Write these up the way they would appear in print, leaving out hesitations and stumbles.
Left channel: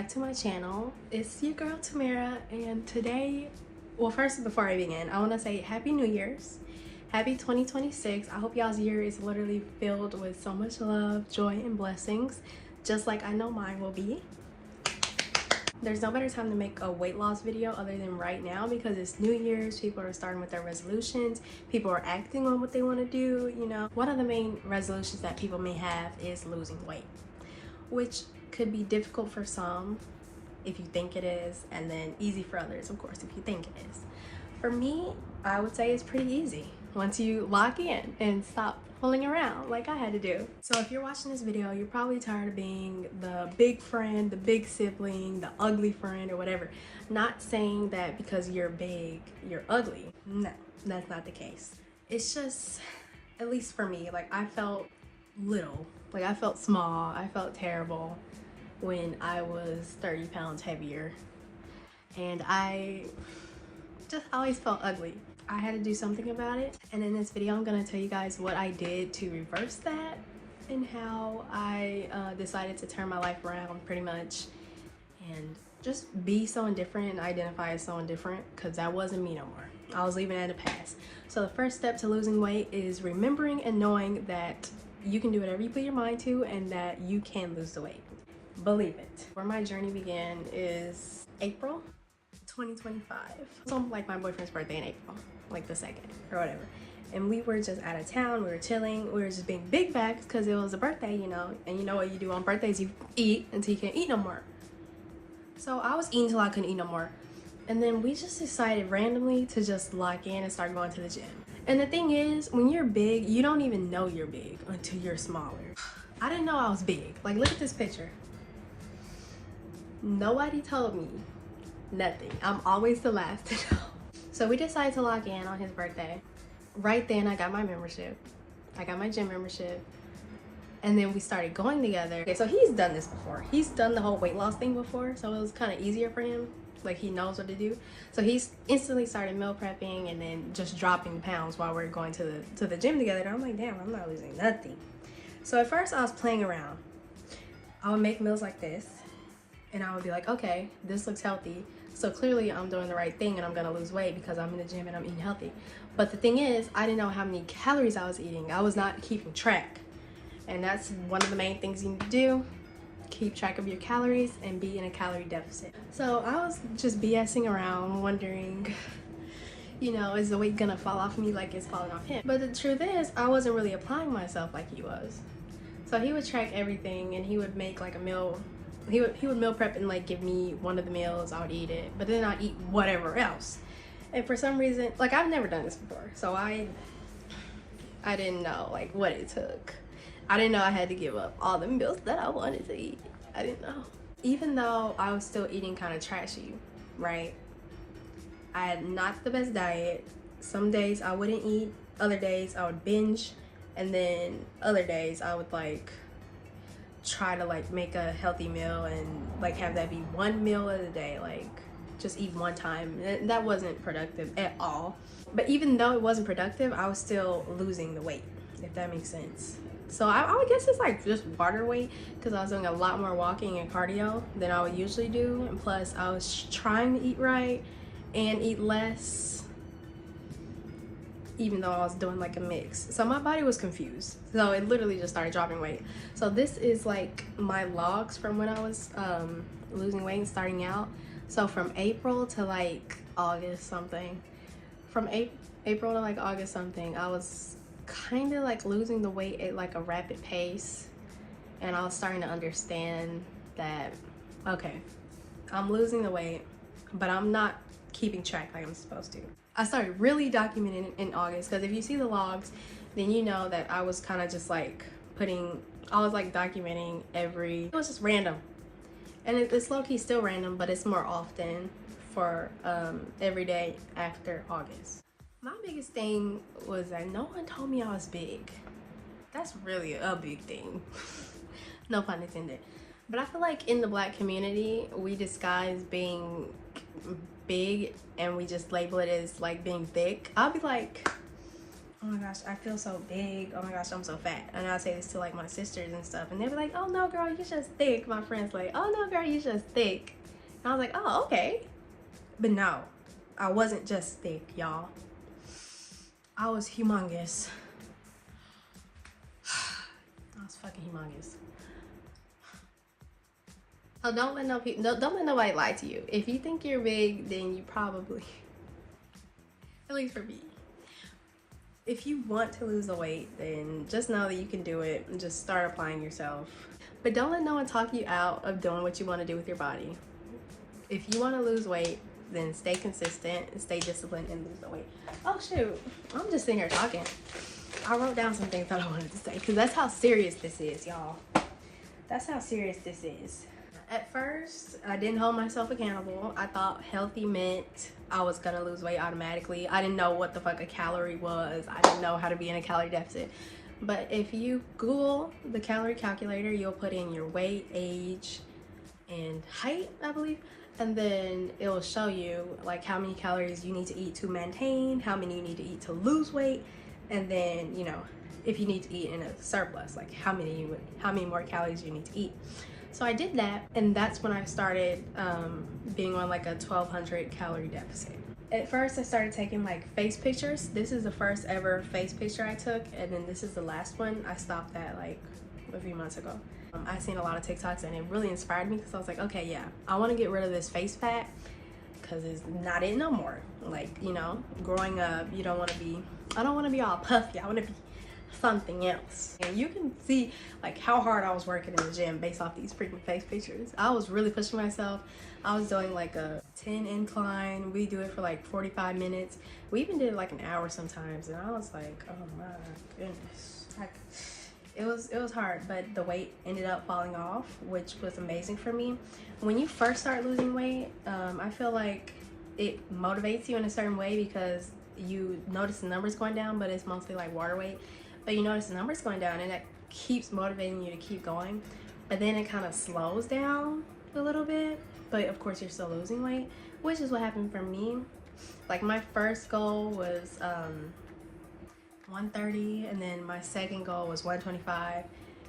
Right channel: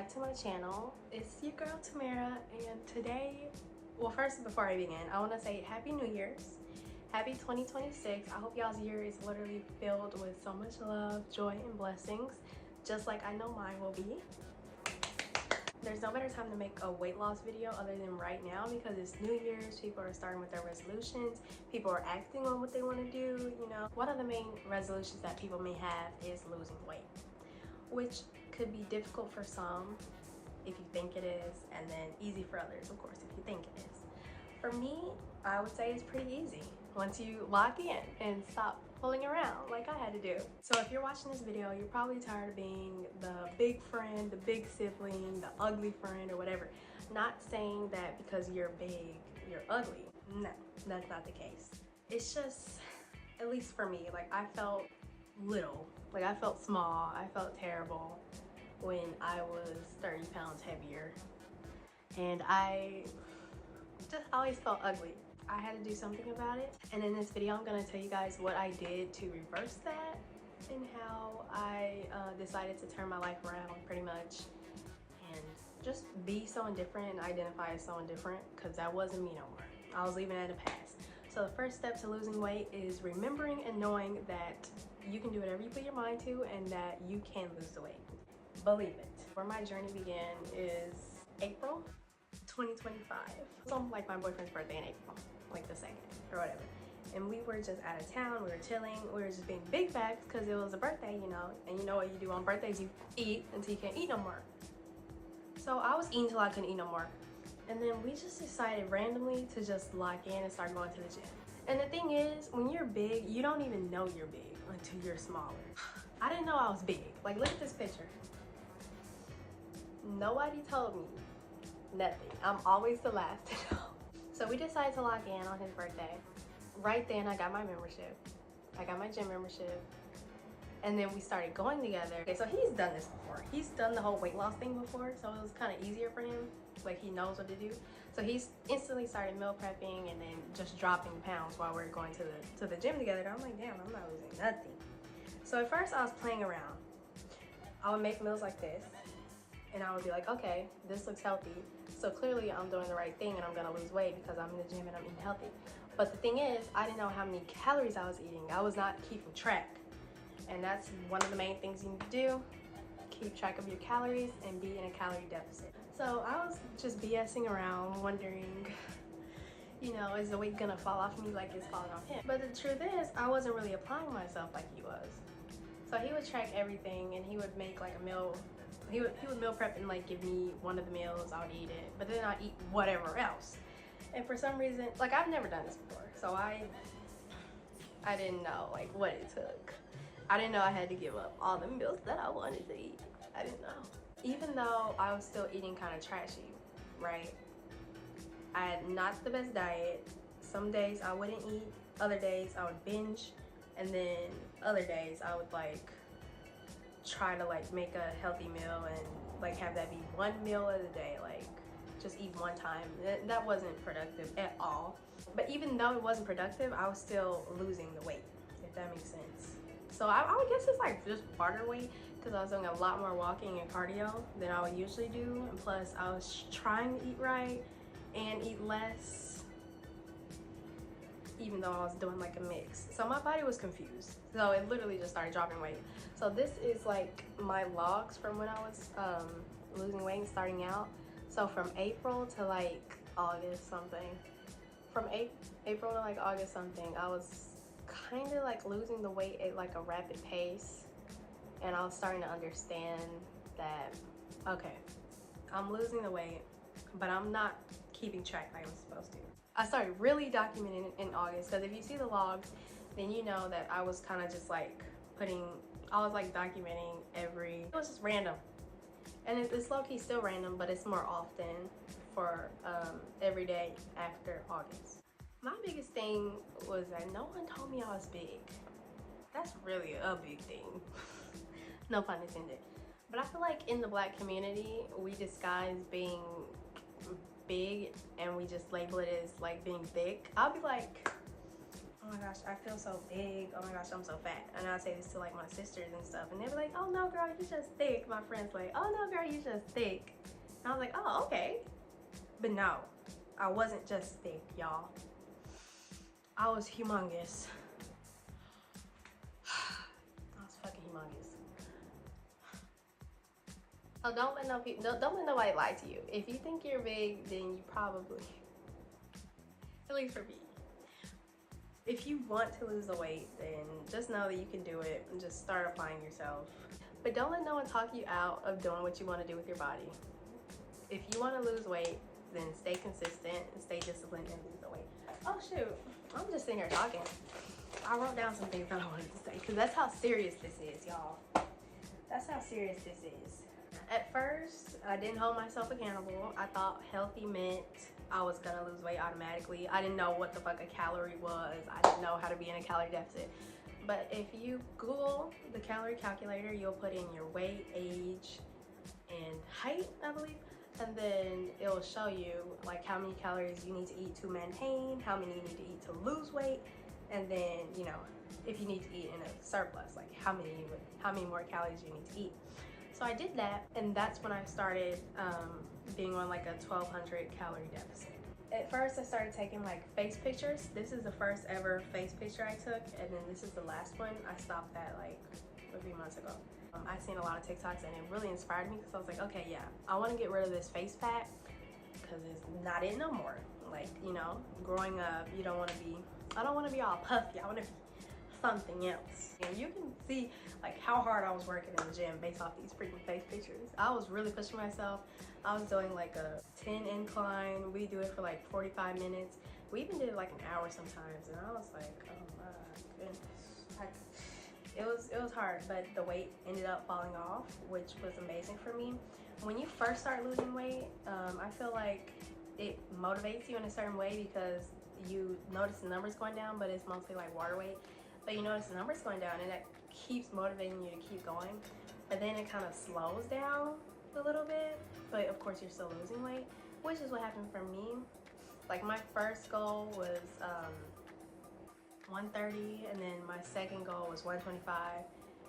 back to my channel. It's your girl Tamara, and today, well, first before I begin, I want to say Happy New Year's. Happy 2026. I hope y'all's year is literally filled with so much love, joy, and blessings, just like I know mine will be. There's no better time to make a weight loss video other than right now, because it's New Year's, people are starting with their resolutions, people are acting on what they want to do, you know. One of the main resolutions that people may have is losing weight, which could be difficult for some if you think it is, and then easy for others, of course, if you think it is. For me, I would say it's pretty easy once you lock in and stop fooling around like I had to do. So if you're watching this video, you're probably tired of being the big friend, the big sibling, the ugly friend, or whatever. Not saying that because you're big, you're ugly. No, that's not the case. It's just, at least for me, like I felt little. Like I felt small, I felt terrible when I was 30 pounds heavier. And I just always felt ugly. I had to do something about it. And in this video, I'm gonna tell you guys what I did to reverse that and how I decided to turn my life around pretty much and just be someone different and identify as someone different, because that wasn't me no more. I was leaving it in the past. So the first step to losing weight is remembering and knowing that you can do whatever you put your mind to and that you can lose the weight. Believe it. Where my journey began is April 2025. So like my boyfriend's birthday in April, like the 2nd or whatever. And we were just out of town, we were chilling, we were just being big bags because it was a birthday, you know. And you know what you do on birthdays, you eat until you can't eat no more. So I was eating till I couldn't eat no more. And then we just decided randomly to just lock in and start going to the gym. And the thing is, when you're big, you don't even know you're big until you're smaller. I didn't know I was big. Like, look at this picture. Nobody told me nothing. I'm always the last to know. So we decided to lock in on his birthday. Right then, I got my membership. I got my gym membership. And then we started going together. Okay, so he's done this before. He's done the whole weight loss thing before, so it was kind of easier for him. Like, he knows what to do. So he's instantly started meal prepping and then just dropping pounds while we're going to the gym together. And I'm like, damn, I'm not losing nothing. So at first I was playing around. I would make meals like this and I would be like, okay, this looks healthy. So clearly I'm doing the right thing and I'm gonna lose weight because I'm in the gym and I'm eating healthy. But the thing is, I didn't know how many calories I was eating. I was not keeping track. And that's one of the main things you need to do. Keep track of your calories and be in a calorie deficit. So I was just BSing around wondering, you know, is the weight gonna fall off me like it's falling off him? But the truth is, I wasn't really applying myself like he was. So he would track everything and he would make like a meal. He would meal prep and like give me one of the meals, I would eat it, but then I'd eat whatever else. And for some reason, like I've never done this before, so I didn't know like what it took. I didn't know I had to give up all the meals that I wanted to eat. I didn't know. Even though I was still eating kind of trashy, right? I had not the best diet. Some days I wouldn't eat, other days I would binge, and then other days I would like try to like make a healthy meal and like have that be one meal of the day, like just eat one time. That wasn't productive at all. But even though it wasn't productive, I was still losing the weight, if that makes sense. So I would guess it's like just water weight, because I was doing a lot more walking and cardio than I would usually do. And plus I was trying to eat right and eat less, even though I was doing like a mix. So my body was confused. So it literally just started dropping weight. So this is like my logs from when I was losing weight and starting out. So from April to like August something. From April to like August something, I was kind of like losing the weight at like a rapid pace. And I was starting to understand that, okay, I'm losing the weight, but I'm not keeping track like I'm supposed to. I started really documenting in August, because if you see the logs, then you know that I was kind of just like I was like documenting it was just random. And it's low-key still random, but it's more often for every day after August. My biggest thing was that no one told me I was big. That's really a big thing. No pun intended. But I feel like in the Black community, we disguise being big and we just label it as like being thick. I'll be like, oh my gosh, I feel so big. Oh my gosh, I'm so fat. And I say this to like my sisters and stuff, and they're like, oh no girl, you're just thick. My friends like, oh no girl, you're just thick. And I was like, oh okay. But no, I wasn't just thick, y'all. I was humongous. I was fucking humongous. Oh, don't let nobody lie to you. If you think you're big, then you probably, at least for me. If you want to lose the weight, then just know that you can do it and just start applying yourself. But don't let no one talk you out of doing what you want to do with your body. If you want to lose weight, then stay consistent and stay disciplined and lose the weight. Oh shoot, I'm just sitting here talking. I wrote down some things that I wanted to say because that's how serious this is, y'all. That's how serious this is. At first, I didn't hold myself accountable. I thought healthy meant I was gonna lose weight automatically. I didn't know what the fuck a calorie was. I didn't know how to be in a calorie deficit. But if you Google the calorie calculator, you'll put in your weight, age, and height, I believe. And then it will show you like how many calories you need to eat to maintain, how many you need to eat to lose weight, and then, you know, if you need to eat in a surplus, like how many more calories you need to eat. So I did that, and that's when I started being on like a 1,200 calorie deficit. At first I started taking like face pictures. This is the first ever face picture I took, and then this is the last one. I stopped that like a few months ago. I seen a lot of TikToks and it really inspired me because I was like, okay, yeah, I want to get rid of this face fat because it's not it no more. Like, you know, growing up, you don't want to be, I don't want to be all puffy. I want to be something else. And you can see like how hard I was working in the gym based off these freaking face pictures. I was really pushing myself. I was doing like a 10 incline. We do it for like 45 minutes. We even did like an hour sometimes, and I was like, oh my goodness. Like, it was hard, but the weight ended up falling off, which was amazing for me. When you first start losing weight, I feel like it motivates you in a certain way because you notice the numbers going down, but it's mostly like water weight. But you notice the numbers going down, and that keeps motivating you to keep going. But then it kind of slows down a little bit, but of course you're still losing weight, which is what happened for me. Like my first goal was 130, and then my second goal was 125,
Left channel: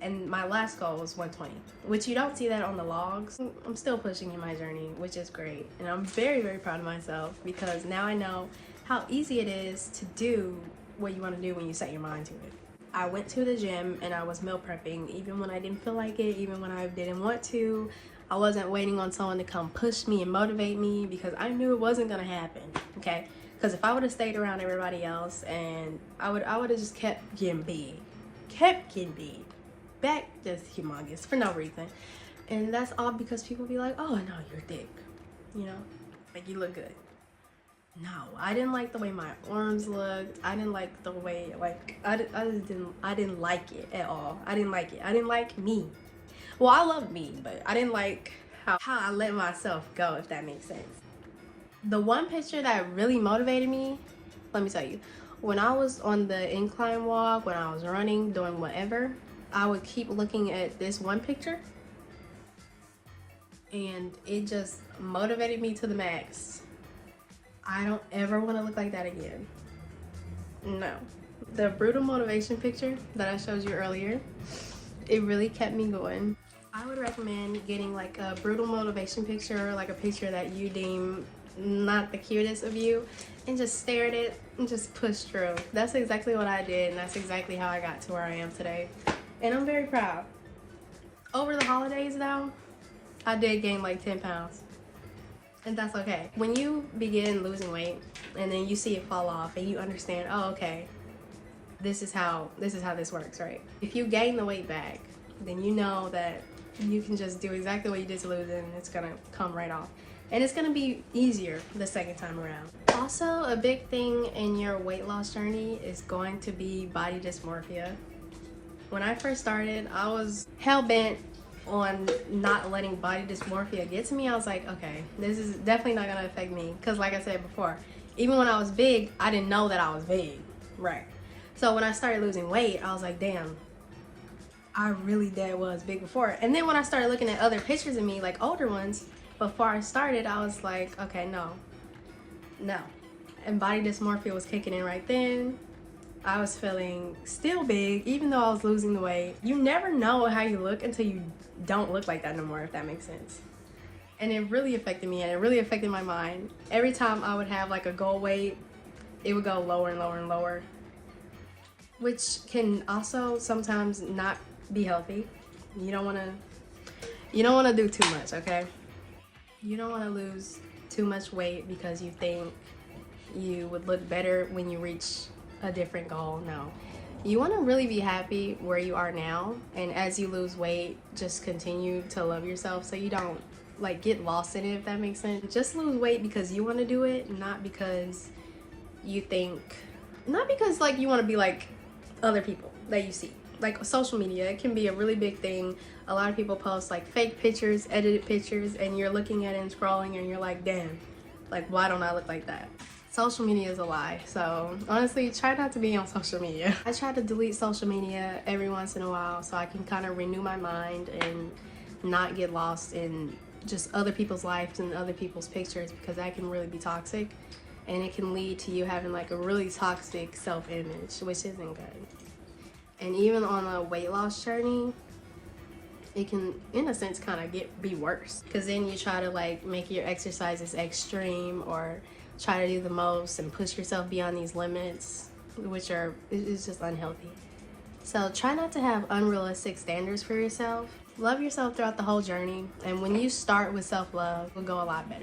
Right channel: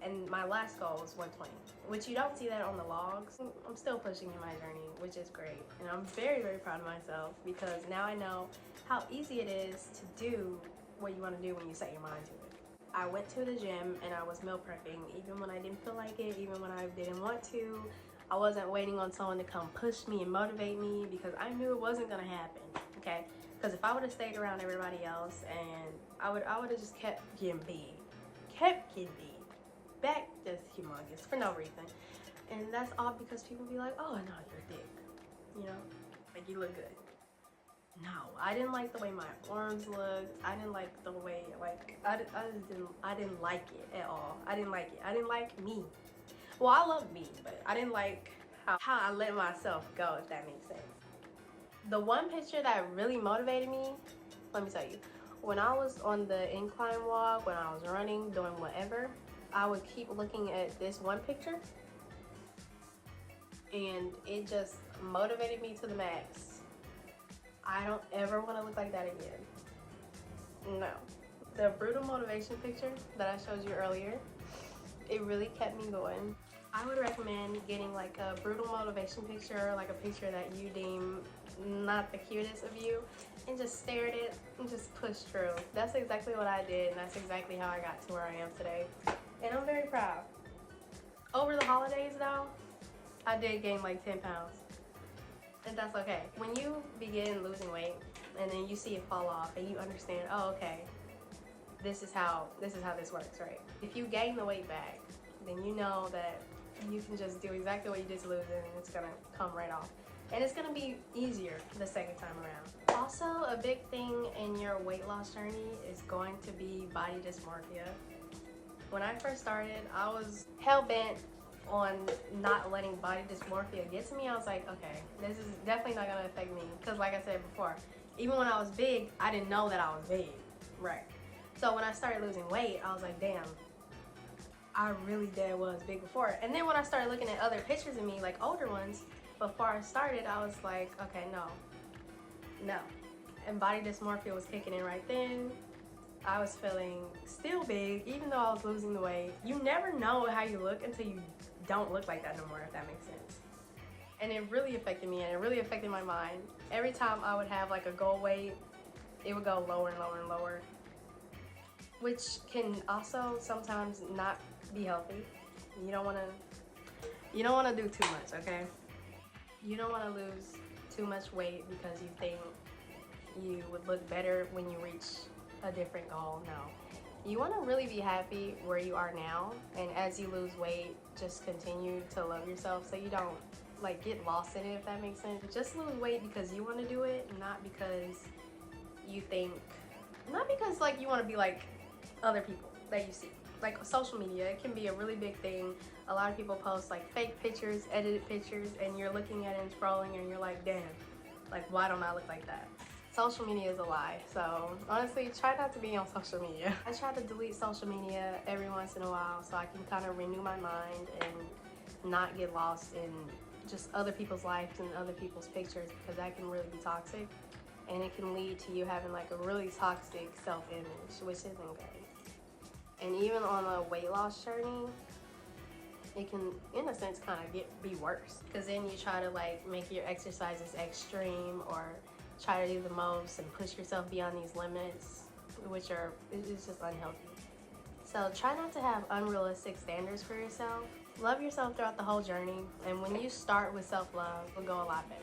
and my last goal was 120, which you don't see that on the logs. I'm still pushing in my journey, which is great, and I'm very, very proud of myself because now I know how easy it is to do what you want to do when you set your mind to it. I went to the gym and I was meal prepping even when I didn't feel like it, even when I didn't want to. I wasn't waiting on someone to come push me and motivate me because I knew it wasn't gonna happen, okay? Because if I would have stayed around everybody else, and I would have just kept getting big, back just humongous for no reason. And that's all because people be like, oh no, you're thick, you know, like you look good. No, I didn't like the way my arms looked. I didn't like the way, like, I didn't like it at all. I didn't like it. I didn't like me. Well, I love me, but I didn't like how I let myself go, if that makes sense. The one picture that really motivated me, let me tell you, when I was on the incline walk, when I was running, doing whatever, I would keep looking at this one picture, and it just motivated me to the max. I don't ever want to look like that again. No. The brutal motivation picture that I showed you earlier, it really kept me going. I would recommend getting like a brutal motivation picture, like a picture that you deem not the cutest of you, and just stare at it and just push through. That's exactly what I did, and that's exactly how I got to where I am today. And I'm very proud. Over the holidays though, I did gain like 10 pounds. And that's okay. When you begin losing weight and then you see it fall off and you understand, oh, okay, this is how this works, right? If you gain the weight back, then you know that you can just do exactly what you did to lose it, and it's gonna come right off. And it's gonna be easier the second time around. Also, a big thing in your weight loss journey is going to be body dysmorphia. When I first started, I was hell-bent on not letting body dysmorphia get to me. I was like, okay, this is definitely not gonna affect me, because like I said before, even when I was big, I didn't know that I was big, right? So when I started losing weight, I was like, damn, I really was big before. And then when I started looking at other pictures of me, like older ones, before I started, I was like, okay, no. And body dysmorphia was kicking in right then. I was feeling still big, even though I was losing the weight. You never know how you look until you don't look like that no more, if that makes sense. And it really affected me, and it really affected my mind. Every time I would have like a goal weight, it would go lower and lower and lower, which can also sometimes not be healthy. You don't want to do too much, okay? You don't want to lose too much weight because you think you would look better when you reach a different goal. No, you want to really be happy where you are now, and as you lose weight, just continue to love yourself so you don't like get lost in it, if that makes sense. Just lose weight because you want to do it, not because you think, not because like you want to be like other people that you see. Like social media, it can be a really big thing. A lot of people post like fake pictures, edited pictures, and you're looking at it and scrolling and you're like, damn, like why don't I look like that? Social media is a lie. So honestly, try not to be on social media. I try to delete social media every once in a while so I can kind of renew my mind and not get lost in just other people's lives and other people's pictures, because that can really be toxic, and it can lead to you having like a really toxic self-image, which isn't good. And even on a weight loss journey, it can, in a sense, kind of be worse, because then you try to like make your exercises extreme or try to do the most and push yourself beyond these limits, which is just unhealthy. So try not to have unrealistic standards for yourself. Love yourself throughout the whole journey, and when you start with self-love, it'll go a lot better.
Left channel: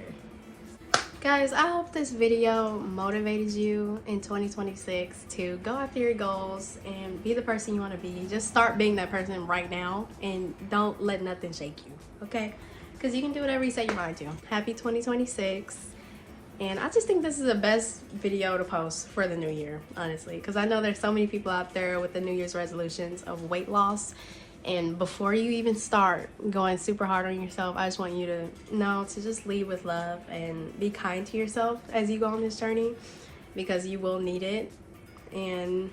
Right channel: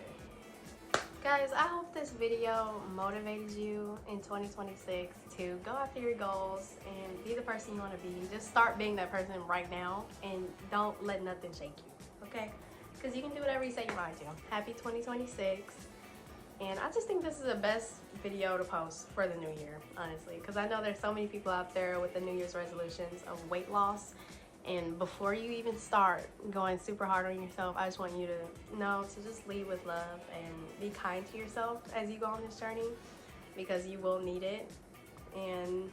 Guys, I hope this video motivated you in 2026 to go after your goals and be the person you want to be. Just start being that person right now and don't let nothing shake you, okay? Because you can do whatever you set your mind to. Happy 2026. And I just think this is the best video to post for the new year, honestly, because I know there's so many people out there with the New Year's resolutions of weight loss. And before you even start going super hard on yourself, I just want you to know to just lead with love and be kind to yourself as you go on this journey, because you will need it. And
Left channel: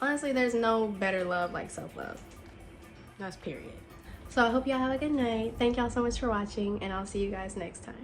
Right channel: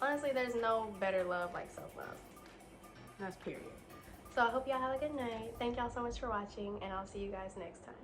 honestly, there's no better love like self-love. That's period. So I hope y'all have a good night. Thank y'all so much for watching, and I'll see you guys next time.